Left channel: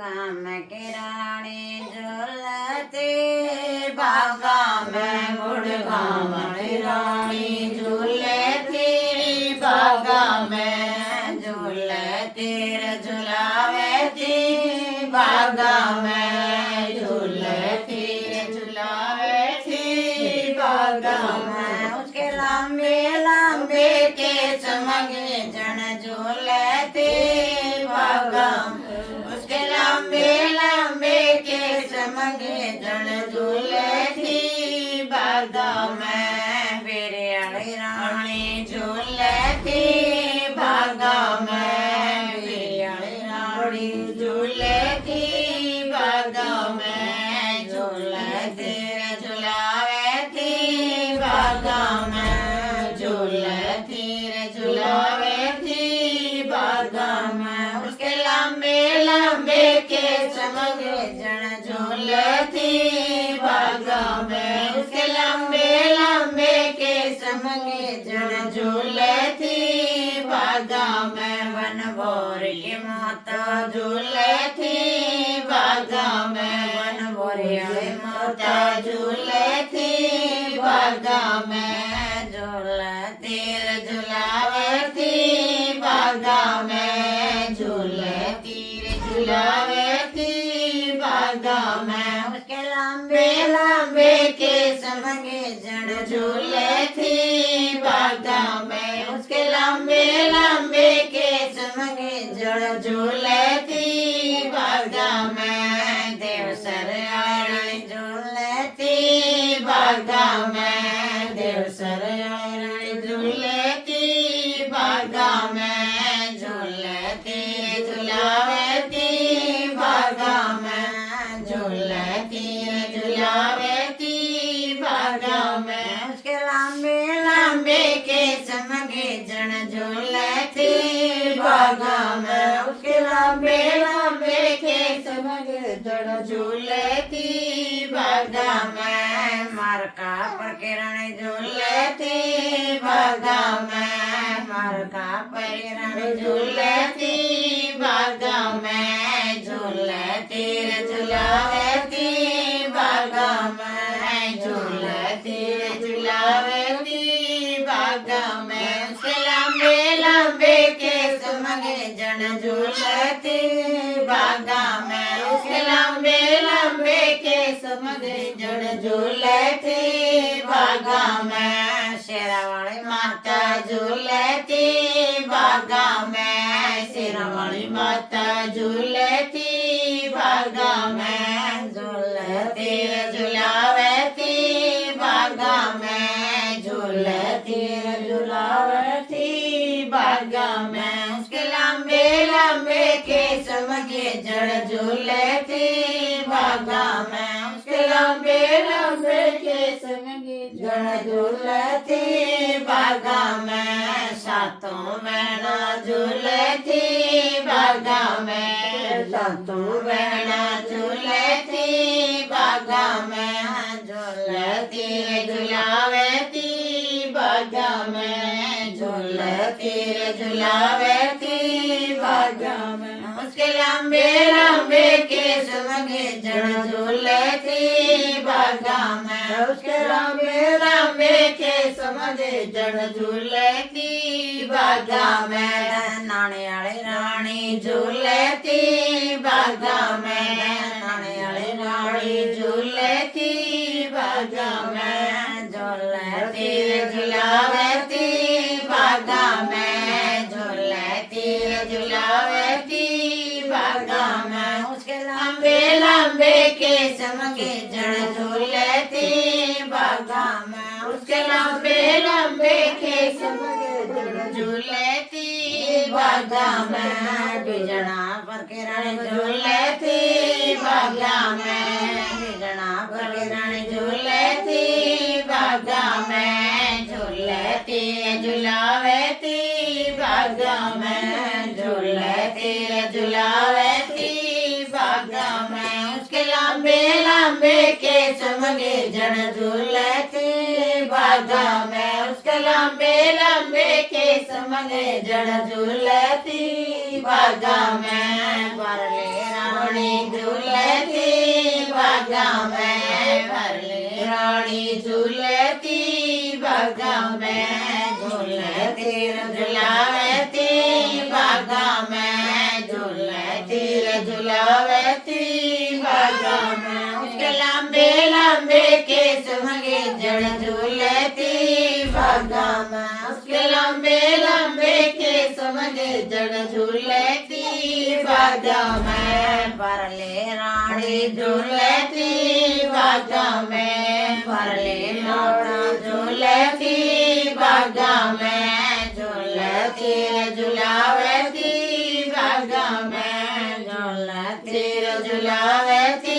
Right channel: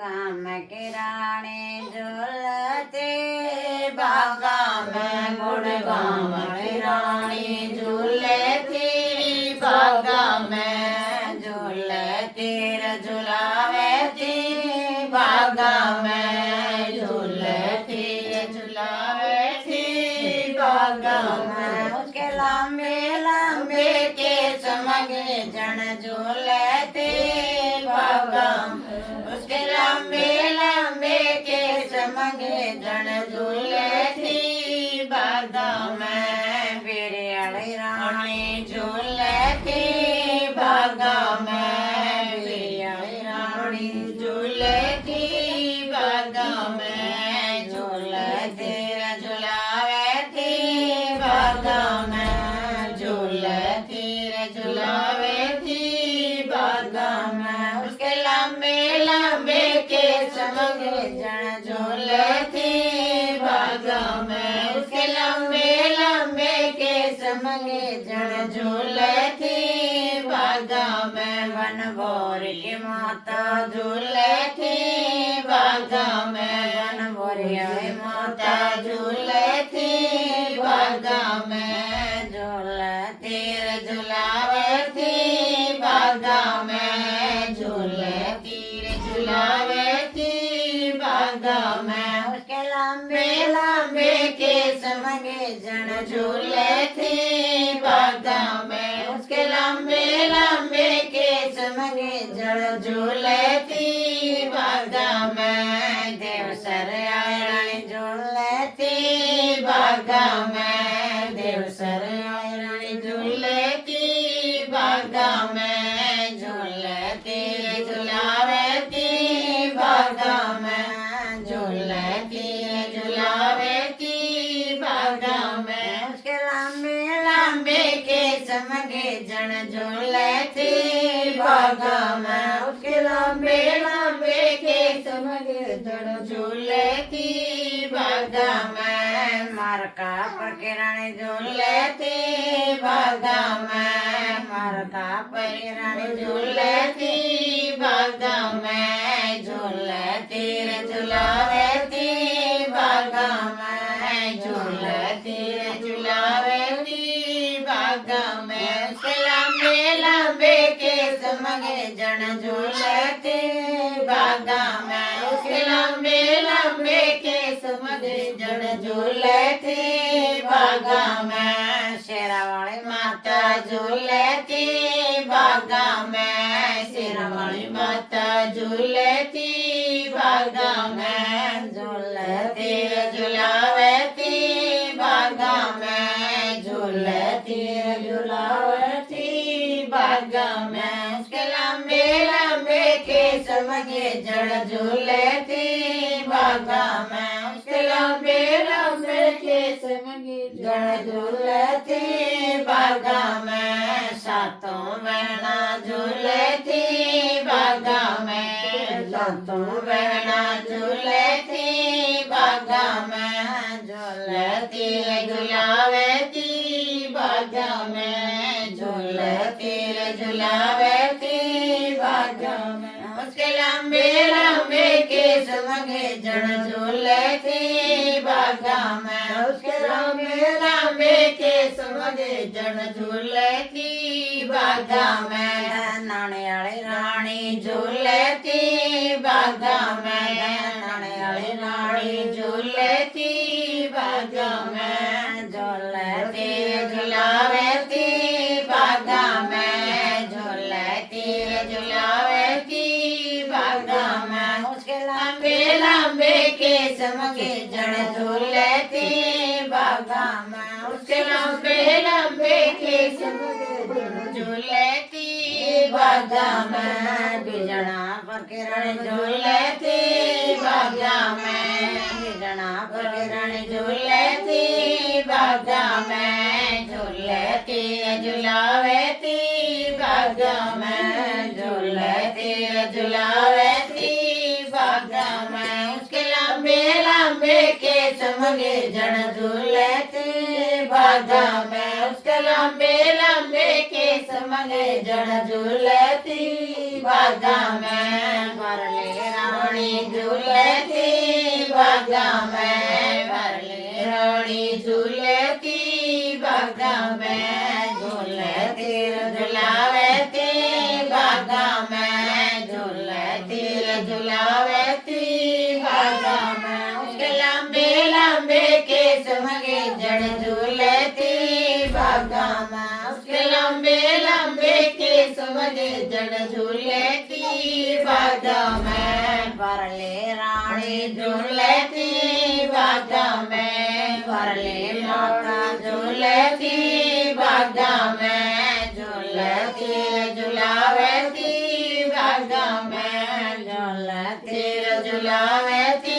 गाम की रानी झूलती बागा में गुड़गाम की रानी झूलती बागा में झूलती झुलावे थी बागा में झूलती झुलावे थी बागा में उसके लंबे लंबे के चमके जन झूलती बागा उसके लंबे लंबे के चमके जन झूलती बागा में बिरयानी रानी झूलती बागा में बिरयानी रानी झूलती बागा में झूलती झुलावे थी बागा में झूलती झुलावे थी बागा में उसके लंबे लंबे के चमके जन झूलती बागा में उसके लंबे लंबे के चमके जन झूलती बागा में बनभोर की माता झूलती बागा में बनभोरिया माता झूलती बागा में झूलती झुलावती बागा में झूलती झुलावती बागा में उसके लंबे लंबे के समगे जन झूलती बागा में उसके लंबे लंबे के समगे जन झूलती बागा में देवसर रानी झूलती बागा में देवसर रानी झूलती बागा में झूलती झुलावती बागा में झूलती झुलावती बागा में उसके लंबे लंबे के चमके जन झूलती बागा में उसके लंबे लंबे के चमके जन झूलती बागा में मारका पर किरण झूलती बागा में मारका पर किरण झूलती बागा में झूलती झुलावती बागा में झूलती झुलावती बागा में उसके लंबे लंबे के चमके जन झूलती बागा में उसके लंबे लंबे के चमके जन झूलती बागा में शेरावाली माता झूलती बागा में शेरावाली माता झूलती बागा में झूलती झुलावती बागा में झूलती झुलावती बागा में उसके लंबे लंबे के चमके जड़ झूलती बागा में उसके लंबे लंबे के चमके जड़ झूलती बागा में सातों बहना झूलती बागा में सातों बहना झूलती बागा में झूलती झुलावती बागा में झूलती झुलावती बागा में उसके लंबे लंबे के चमके जन झूलती बागा में उसके लंबे लंबे के चमके जन झूलती बागा में नाने वाली रानी झूलती बागा में नाने वाली रानी झूलती बागा में झूलती झुलावती बागा में झूलती झुलावती बागा में उसके लंबे लंबे के चमके जन झूलती बागा में उसके लंबे लंबे के चमके जन झूलती बागा में बिजना पर किरण झूलती बागा में बिजना पर किरण झूलती बागा में झूलती झुलावती बागा में झूलती झुलावती बागा में उसके लांबे लांबे केस मंगे जन झूलती बागा में उसके लांबे लांबे केस मंगे जन झूलती बागा में भरले रानी झूलती बागा में भरले रानी झूलती बागा में झूलती झुलावती बागा में झूलती झुलावती बागा में उसके लांबे लांबे केस मंगे जड़ झूलती बागा में उसके लांबे लांबे केस मंगे जड़ झूलती बागा में भरले रानी झूलती बागा में भरले लोड़ा झूलती बागा में झूलती झुलावती बागा में झूलती झुलावती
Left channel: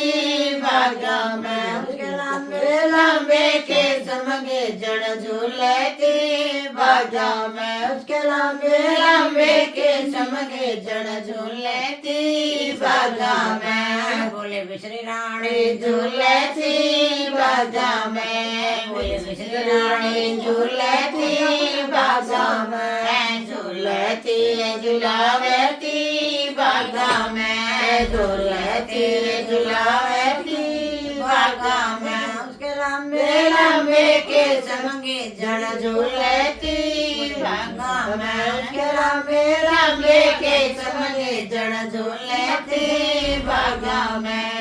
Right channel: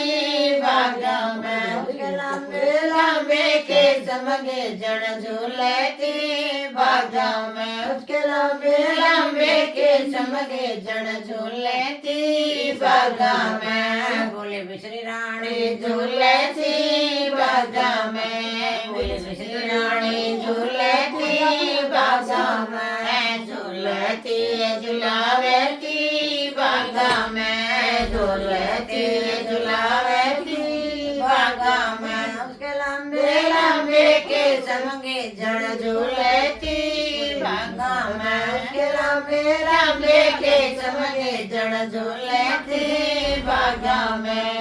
बागा में उसके लांबे लांबे केस मंगे जड़ झूलती बागा में उसके लांबे लांबे केस मंगे जड़ झूलती बागा में बोले बिश्री रानी झूलती बागा में बोले बिश्री रानी झूलती बागा में झूलती झुलावती बागा में झूलती झुलावती बागा में उसके लांबे लांबे केस मंगे जड़ झूलती बागा में उसके लांबे लांबे केस मंगे जड़ झूलती बागा में